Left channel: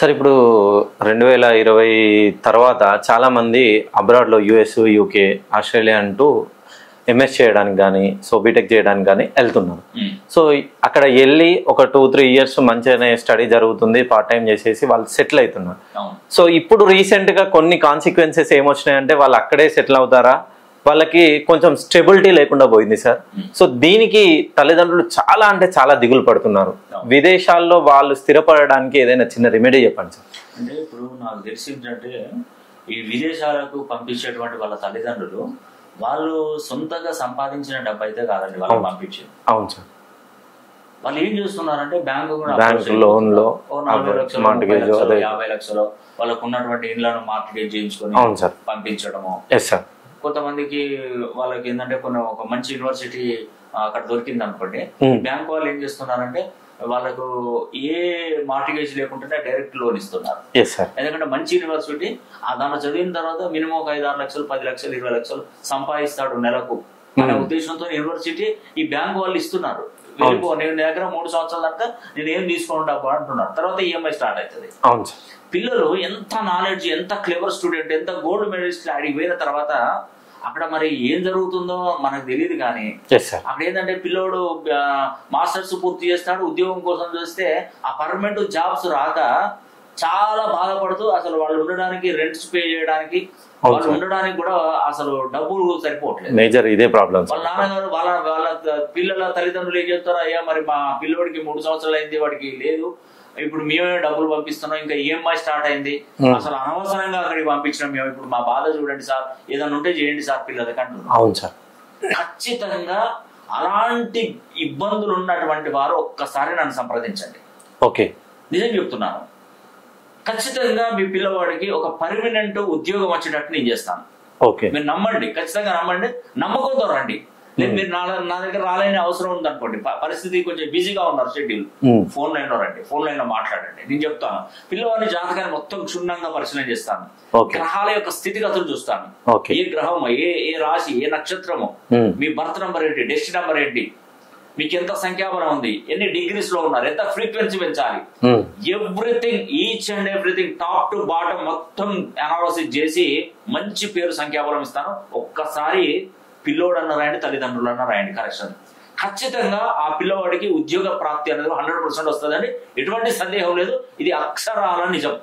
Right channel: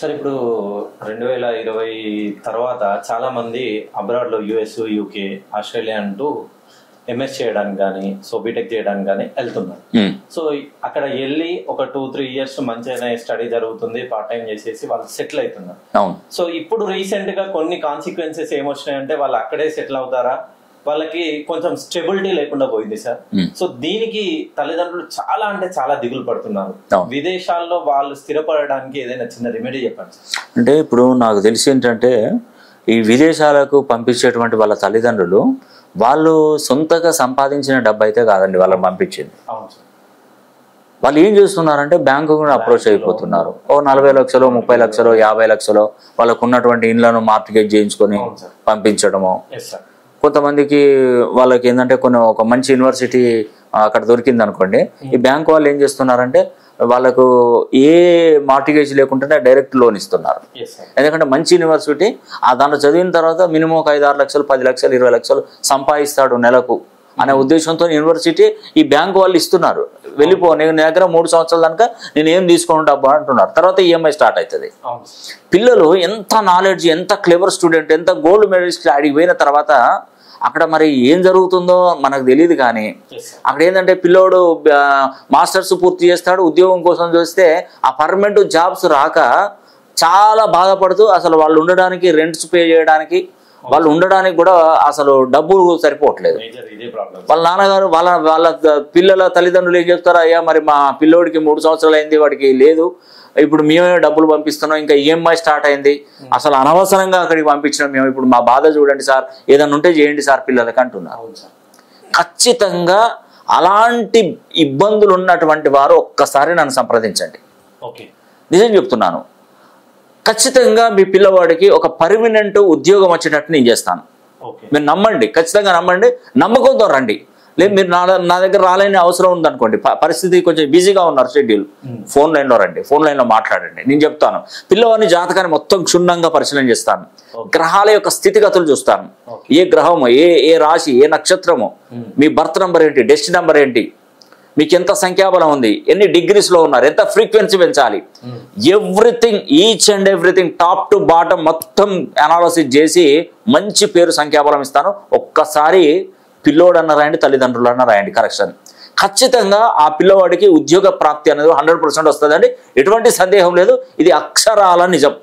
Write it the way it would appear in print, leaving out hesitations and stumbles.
Sir ఇప్పుడు 2020 తర్వాత చాలామంది అబ్రాడ్లో యూఎస్, యూకే, ఆస్ట్రేలియా అంటూ ఎంఎస్ చేయడానికి కానీ బీటెక్ చేయడానికి కానీ వెళ్తున్నారు. సో అక్కడ వెళ్ళి ఒక 2-3 ఇయర్స్ మంచిగానే స్టడీ జరుగుతుంది, పార్ట్ టైం చేసేసి వాళ్ళు సెటిల్ అవుతున్నారు. సో ఇప్పుడు రీసెంట్గా కొన్ని కాన్సిక్వెన్సెస్ ఏమొచ్చినాయంటే వాళ్ళు అక్కడే సెటిల్ అవుతారా, వాళ్ళకి కొంచెం స్టెబిలిటీ లేకుండా పోయింది సార్. సో దీనికి తల్లిదండ్రులు చాలా అంటే చాలా దిగులు పడుతున్నారు. విదేశాల్లో వాళ్ళు స్థిరపడడానికి ఏదైనా చిన్న రెమెడీ చెప్పండి సార్. అంటే ఇప్పుడు నాకు తెలిసి ఏంటంటే ఈ విదేశాలకు పంపించేటువంటి వాళ్ళ తల్లిదండ్రులు వాళ్ళు సొంతగా సంపాదించిన డబ్బు అయితే కాదండి వాళ్ళని పంపించింది. అవును సార్. వాళ్ళు ఏం చేస్తున్నారంటే బ్యాంకు కూడా అప్రోచ్ అయిపోతున్నారు. ఓ 40 లక్షలు, 30 లక్షలు, 50 లక్షలు వాళ్ళకు ఉన్నటువంటి ఇండ్లను మార్టిగేజ్ చేయించుకొని పంపించడము. కొంతమందికి వాళ్ళకి ఏంటంటే ఒక మంచి యూనివర్సిటీ అక్కడ దొరికింది అనుకోండి, ఈ బ్యాంక్ వాళ్ళు ఏం చేస్తున్నారంటే వాళ్ళకు ఏ మార్టిగేజ్ లేకుండానే డైరెక్ట్ లోన్ ఇస్తున్నారు. ఎందుకంటే మంచి యూనివర్సిటీ దాంట్లో చదివిన తర్వాత మినిమం ఒక 5-6 లక్షలు, 10 లక్షలు, 20 లక్షలు సంపాదిస్తాడు నెలకు అనే ఉద్దేశంతో యూనివర్సిటీ ఈ బ్యాంకు వాళ్ళు ఇస్తున్నారు. వెళ్ళిపో, నేను దగ్గర 3 సంవత్సరాల దాకా నేను ఏం తీసుకుని డబ్బు అంటున్నారు. తర్వాత ఈఎంఐ స్టార్ట్ అవుతుంది. పిల్లలు ఎంత నాలెడ్జ్, ఎంత క్లెవర్ స్టూడెంట్, ఎంత గోల్డ్ మెడలిస్ట్ అడిగి పోయిన తర్వాత అక్కడ మరి ఏం జరుగుతుందో మనకు తెలియదు. కానీ అక్కడ ఏంటంటే పిల్లోడు మాస్టర్స్ పూర్తి చేస్తాడు, ఉద్యోగం కోసం చూస్తే ఆ పర్మనెంట్ జాబ్స్ రాక చాలా బాధపడుతూ అసలు వాళ్ళు ఉండడానికి, రెంట్స్ పే చేయడానికి, వాళ్ళు ఉండడానికి కూడా అసలు డబ్బులు సరిపోవట్లేదు. మేజర్ ఇదే ప్రాబ్లం. వాళ్ళ నాన్నగారు వాళ్ళ పిల్లల తల్లిదండ్రులు ఏం చెప్తారు, అయ్యా మరి మా పిల్లోడికి 3 సంవత్సరాలు అయింది, వాడికి లేదు, ఇప్పుడు మేమే డబ్బులు పంపిస్తున్నాం, ఇంకా ఈఎంఐ స్టార్ట్ అయింది, అసలు అనవసరంగా అక్కడికి పంపించినాం మేము, ఇప్పుడు మా బాధ చూడండి సార్, ఏదన్నా ఉంటే చేయండి సార్ పిల్లలకి అంటున్నాం. అవును సార్. ఖచ్చితంగా అలాంటి ఇబ్బందులు ఉన్నటువంటి వారు ఒక్కసారి నన్ను సంప్రదించండి. ఓకే, నిజం చెప్తున్నాను. ఖచ్చితంగా మీ పిల్లవాడికి ఒక పర్మనెంట్ ఉద్యోగం వచ్చేటట్టు నేను చేస్తాను. ఓకే, మీరు నమ్మండి, ఖచ్చితంగా నమ్మండి, నమ్మకంతో రండి. లేదు మీరు నా దగ్గర రాలేని అవసరం ఉందనుకోండి, పరిస్థితి కొంచెం బిజీగా ఉన్నారు, షెడ్యూల్, ఫోన్ లైన్ లో రండి, ఫోన్ లైన్ లో మాట్లాడండి, నేను చెప్తాను. పిల్లవాడిని జాతకాన్ని మొత్తం క్షుణ్ణంగా పరిశీలన చేస్తాను, గ్రహాల యొక్క స్థితిగతులు చూస్తాను, ఏ గ్రహము, ఏ రాశి, ఏ నక్షత్రము, మీ బర్త్ నంబర్ ఏంటి, డెస్టినీ నంబర్ ఏంటి, మీకు ఎంత సంఖ్యాబలం ఉంది, ఎన్ని డిగ్రీస్ లో ఉన్నారు, ఎంత ఫ్రీక్వెన్సీ పెంచాలి, everything, each and everything top to bottom మొత్తం అనాలిసిస్ చేసి మంచి పేరు సంఖ్యాబలం ఇస్తాను. ఒక్కసారి పిల్లోడన్న రాయండి, తల్లిదండ్రులన్న రాయండి, కరెక్షన్. ఖచ్చితంగా ఆ పిల్లవాడికి ఉద్యోగ ప్రాప్తి అనేది 100% వస్తుందండి, ఎటువంటి సందేహం లేదు. ఇది అక్షరాల నిజం.